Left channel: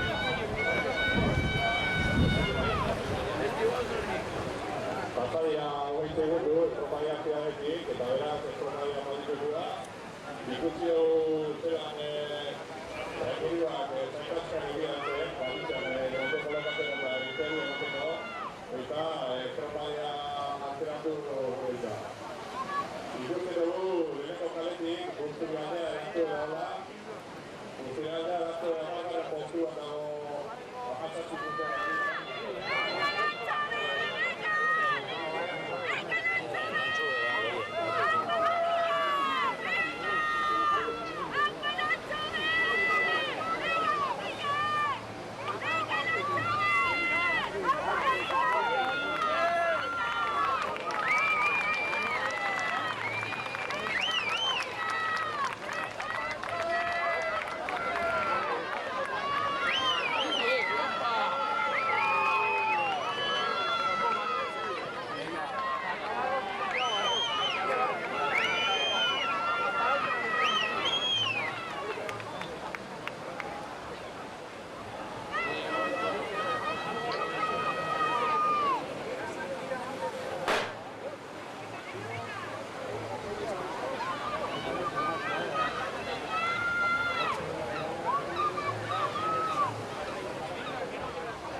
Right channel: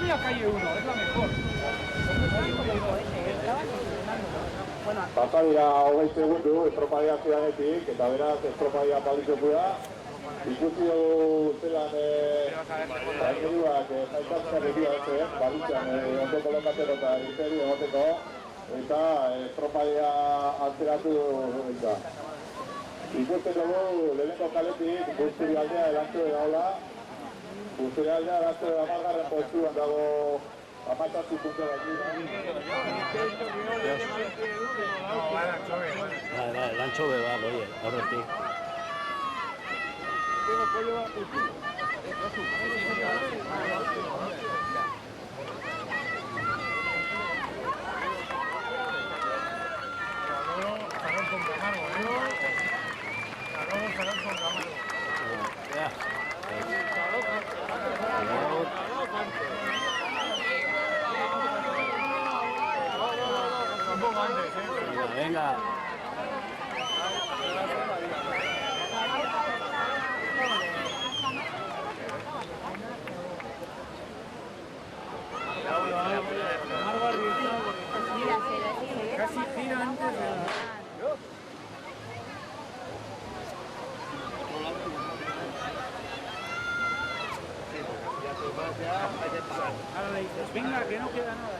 mí ha caído uno, es lo mejor. Pasaria hogei segundu estropadia zuenetik, eta beraz estropadia baliteko da. Ikusi dugu zelan gainiruak zaitazkak egia ez, balitzen egoteko lekatzeko eta izeri egoteko, eta estropadia altzeratu buruz da. Ikusten dugu lehenko kaletik, Guzturi aldea erantzun dagoela. Guzturi aldea erantzun amargarren postuan dago amatxatzi puntera Gancho de barro, venga. Casi tira antes de... Venga, que no queda nada.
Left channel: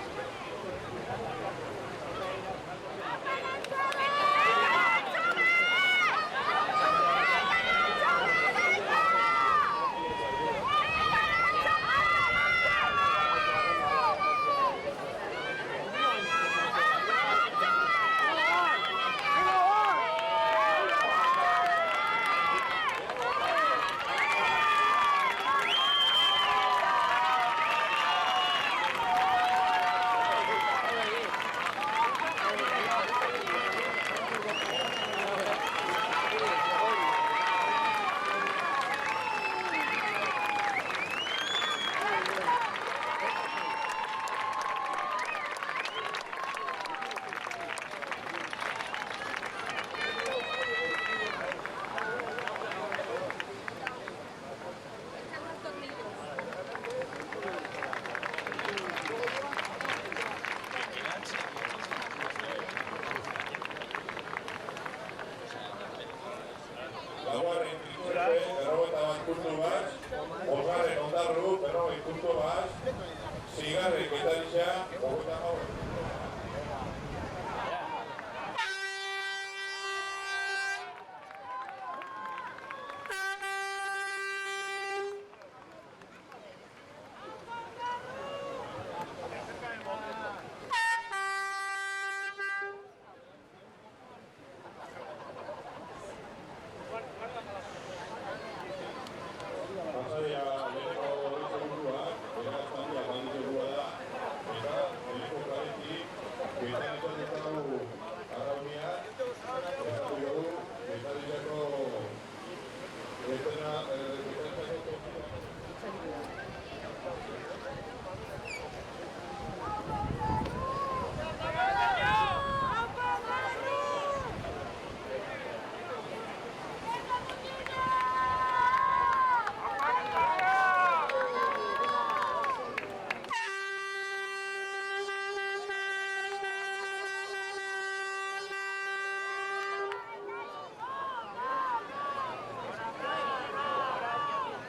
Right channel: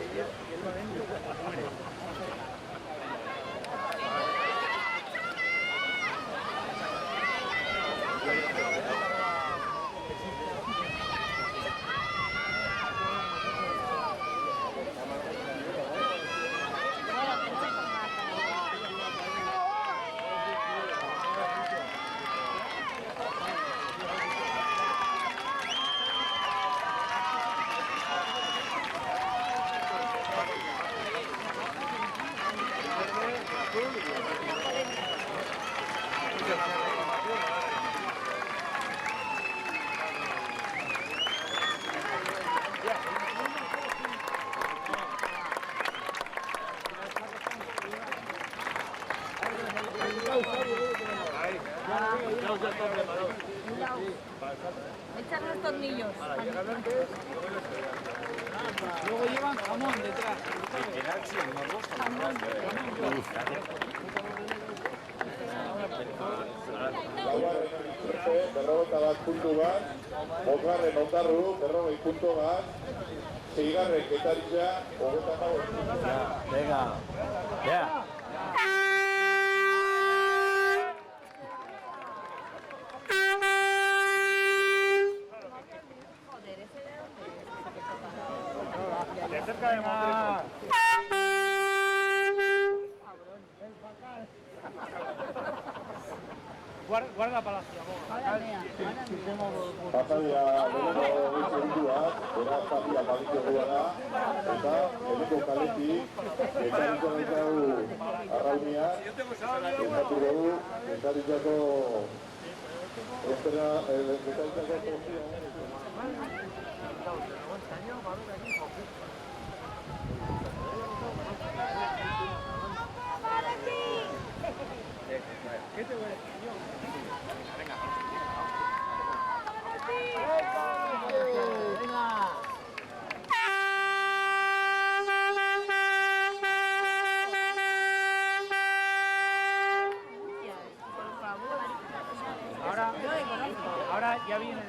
Echan los tornillos. Luego llevan jamón detrás. Horraren ondarru, berrogei puntu bat, zeigarren gitarizia, Venga, ya. Cerca de Madrid. Guarda para la... Pasaria lehenko bizerindua, beraz aldia balitzekoa da, eta lehenko kaletik, gitarizia dugu arraunia, ezatu dugu, gitarizako Ahora ya viene.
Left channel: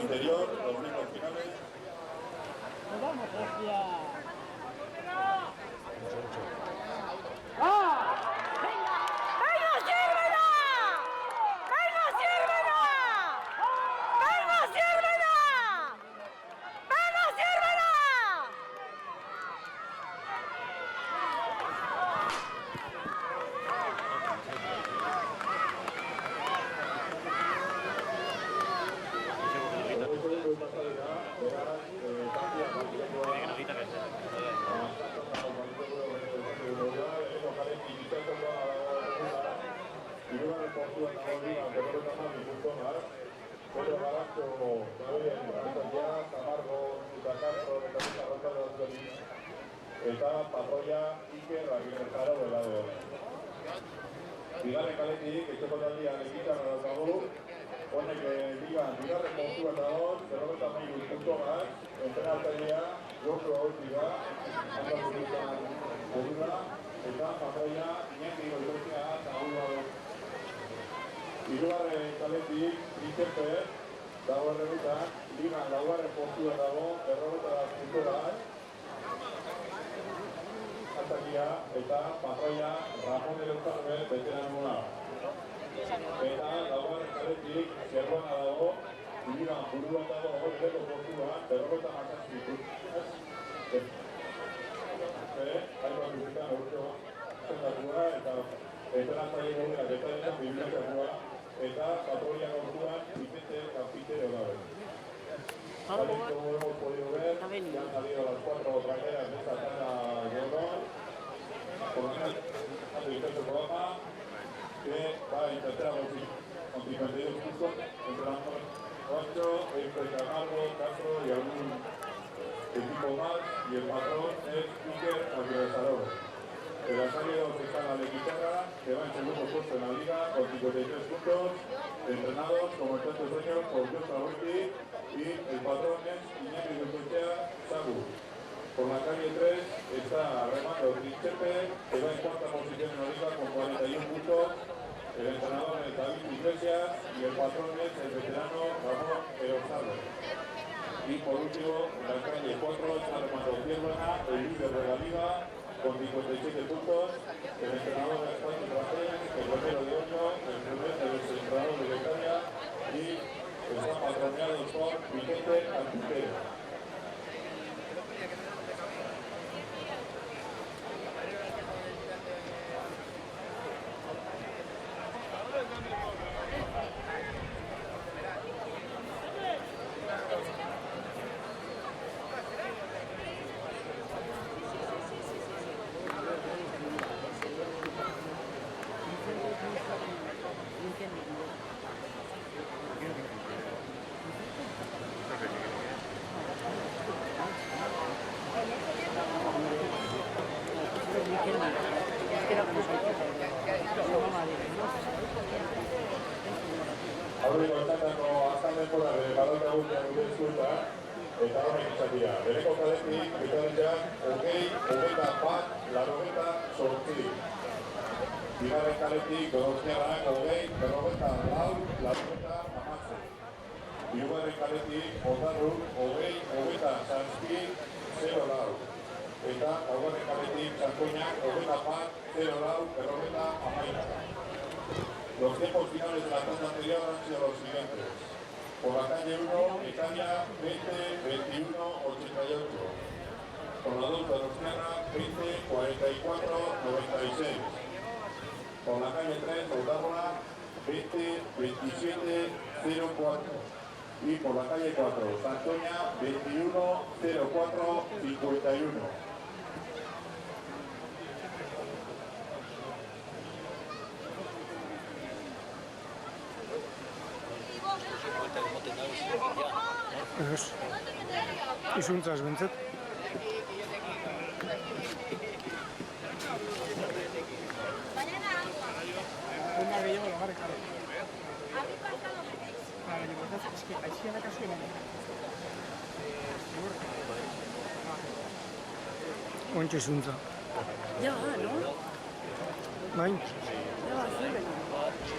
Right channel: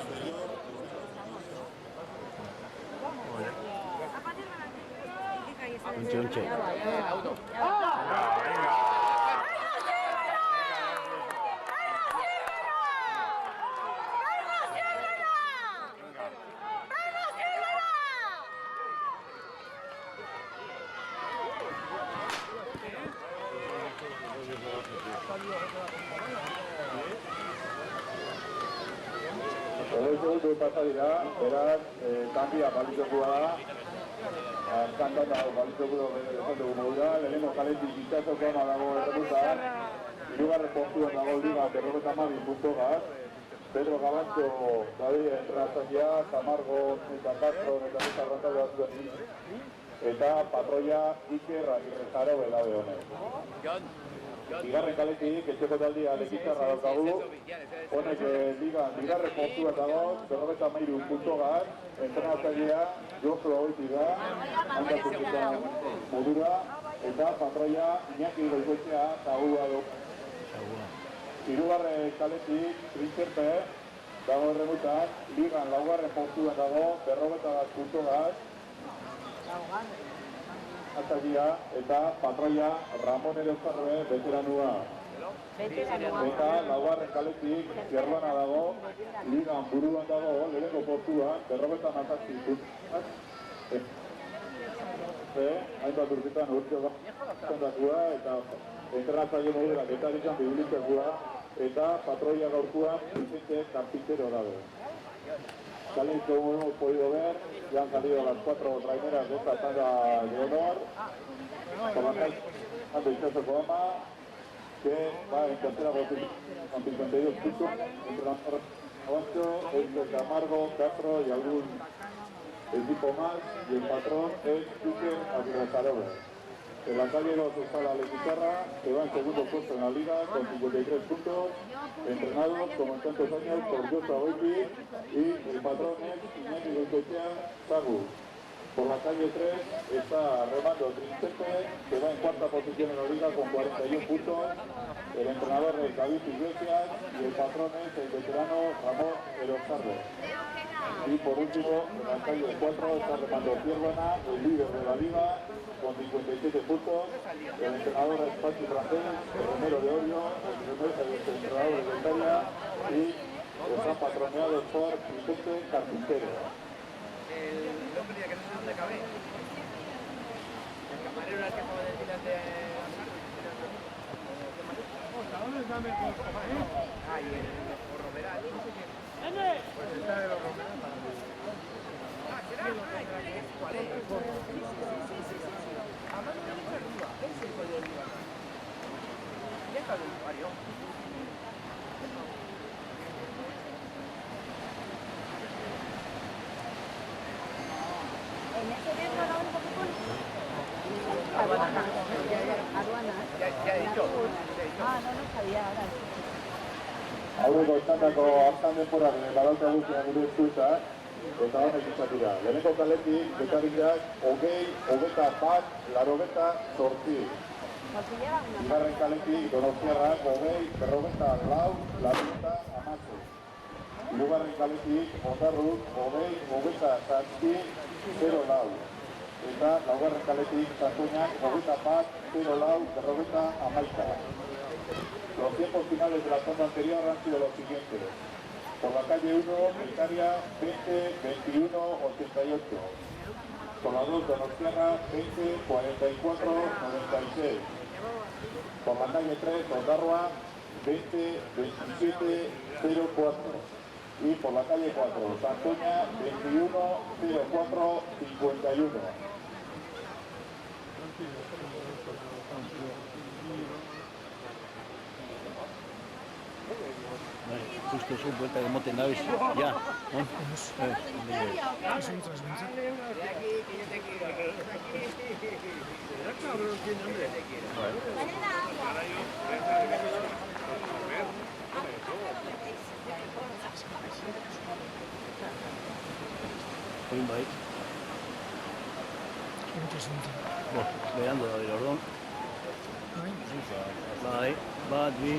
anterior, los únicos finales. Ontxe. Hori pasa dira, beraz, kanbia balitzekoa da. Kantata balitzeko dugu da, lehenengo kaletik itxatoko ama dago erremuta, hirugarren portuan dago liga 50 puntoak, Pedro Galanto, David Entrantzia, Camargo, eta Castro, eta Musa Arrantzale batzuen eta patroia Iker Ramirezaro belade honen. Bigarren kaletik, etxekotaldi alekitzan badaukagu, honek bigarren portuan dago, 53 puntoak, entrenatzailea Jofro Oiti da, handatzen modura, eta patroia Iñaki Goikoetxea jagua du. Hirugarren kaletik, Trinxepe, dago erremuetan, ligan laugarren portuan dago, 51 puntoak, eta patroia Ramon Elezarroe veteranua. Eta laugarren kaletik Zerrona dago, ligan buruan dago, leheneko portuan, 57 puntuak. Hainbat urtetan urte bakua eta entrenatzaile modela getaritzen bibilitzatua eta patroia gaurtuan Vicente Carpintero dago. Tal y como hemos podido ver, ya han salido las 4 primeras de esta tanda de honor, comandante Vicente Coloma, que va en tercera posición con 52 puntos, entre los 8, entre Camargo, Castro y algún equipo más, y el patrón es Iker Ramirezaro. El Antalya 2 está la de Pizarra, que va en segundo puesto en la liga con 53 puntos, entrenados como en tantos años por Jofro Oiti, y el patrón es Iñaki Goikoetxea Zagu. Por la calle 3 está Remando Trinxepe, que va en cuarta posición en la liga con 41 puntos. El entrenador es David Iglesias y el patrón es el veterano Ramón Elezarroe. Y por último, en la calle 4 está Remando Zierrona, el líder de la liga, con 57 puntos. El entrenador es Pachi Tracés, el Romero de Orio, el entrenador de Italia y están patroneados por Vicente Carpintero. Aurreko esandako aztan denporak badauka guztiak gure eskueta, eta horrek izan dira. Leheneko kaletik, bekaritzean, 20, 88. Bigarren kaletik, Donostiarrak, 20, 44, 16. Hirugarren kaletik, Ondarruk, 20, 27, 04. Eta laugarren kaletik, Santoñak, 21, 04, 11. Los 5 finales de la tanda anterior han sido los siguientes. Por la calle 1, Italia, 20, 21, 88. Por la 2, Donostiana, 20, 44, 96. Por la calle 3, Ondarroa, 20, 27, 04. Y por la calle 4, Santoña, 21, 04, 51. Justo zu bota emoten daiz, ja. Izuntzaz bintzat. Ontxe zuntza. Bai? Bat, bi,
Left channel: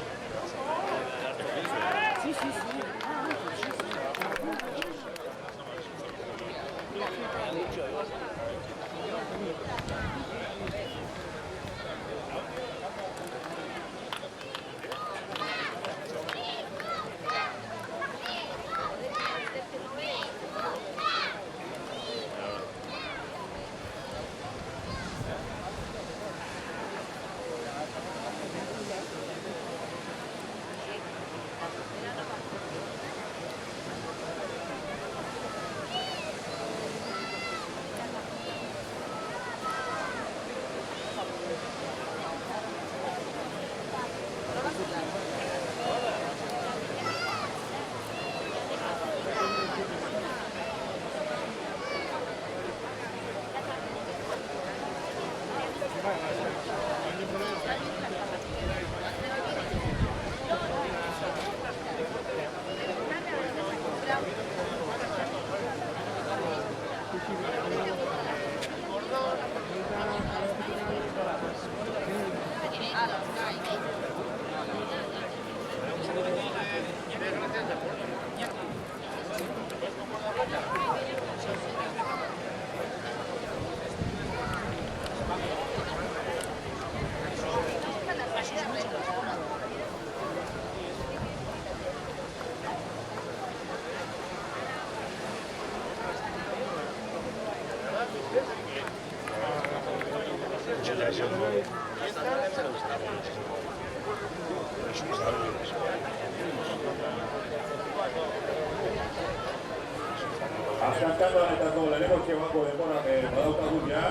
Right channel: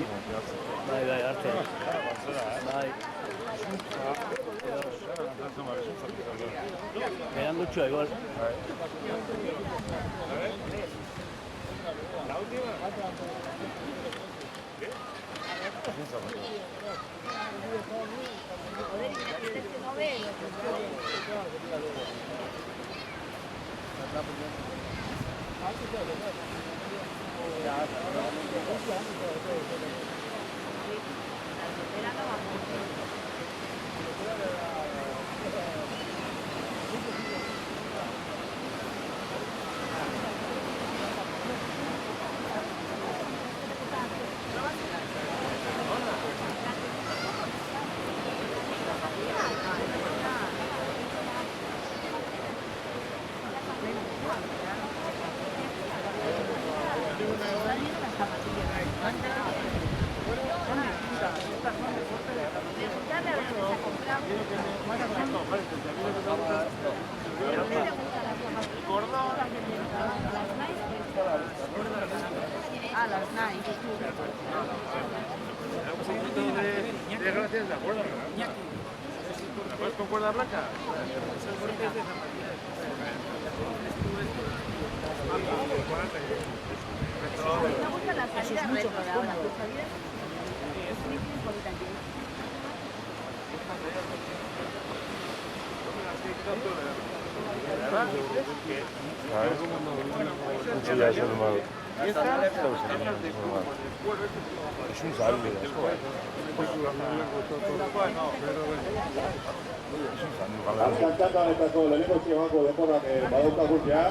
Azken txandanetako leheneko txemako denborak badaukagun ja.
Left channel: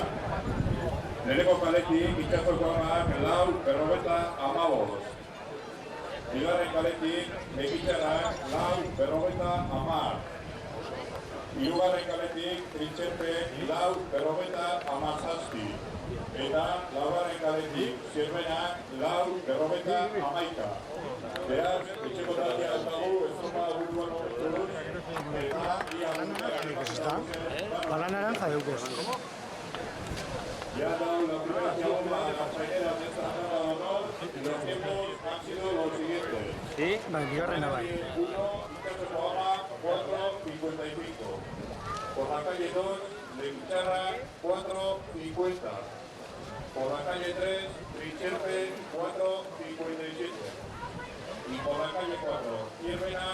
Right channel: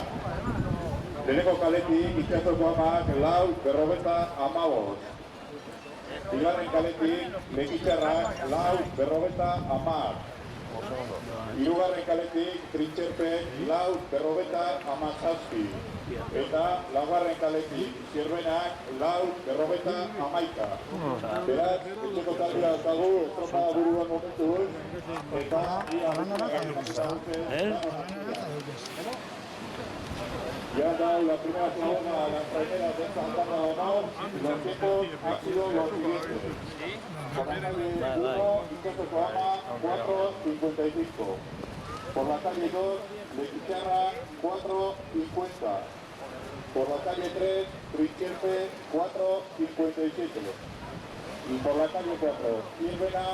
Leheneko kaletik itxatzoko amak lau berrogeta amabost. Bigarren kaletik lekitarrak lau berrogeta amar. Hirugarren kaletik trintxerpe lau berrogeta amazazpi. Eta laugarren kaletik zirbenak lau berrogeta amaika. Beraz, itxeko taldea ez dago, ez zonbada buruan momentu. Pala naranja deukez, ez da? Pala naranja deukez. Ya ha dado la primera forma a las traineras de esta planta de Omao. Los tiempos han sido los siguientes. Bai, bigarrena bai. 1, Quinteto Coama, 4.55. Por la calle 2, de Picharra, 4.50. Por la calle 3, Trincherpe, 4.57. Y por la calle 4, Siervena,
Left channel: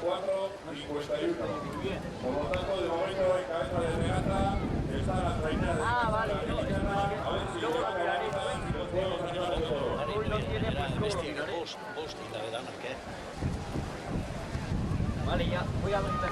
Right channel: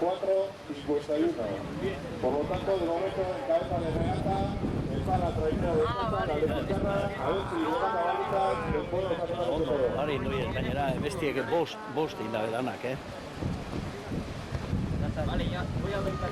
4.51. Por lo tanto, de momento, en cabeza de regata, está la trainera de Picharra. A ver si luego la lista y los pueblos de Bestiek bost indabedanak, Vale, ya voy a apretar.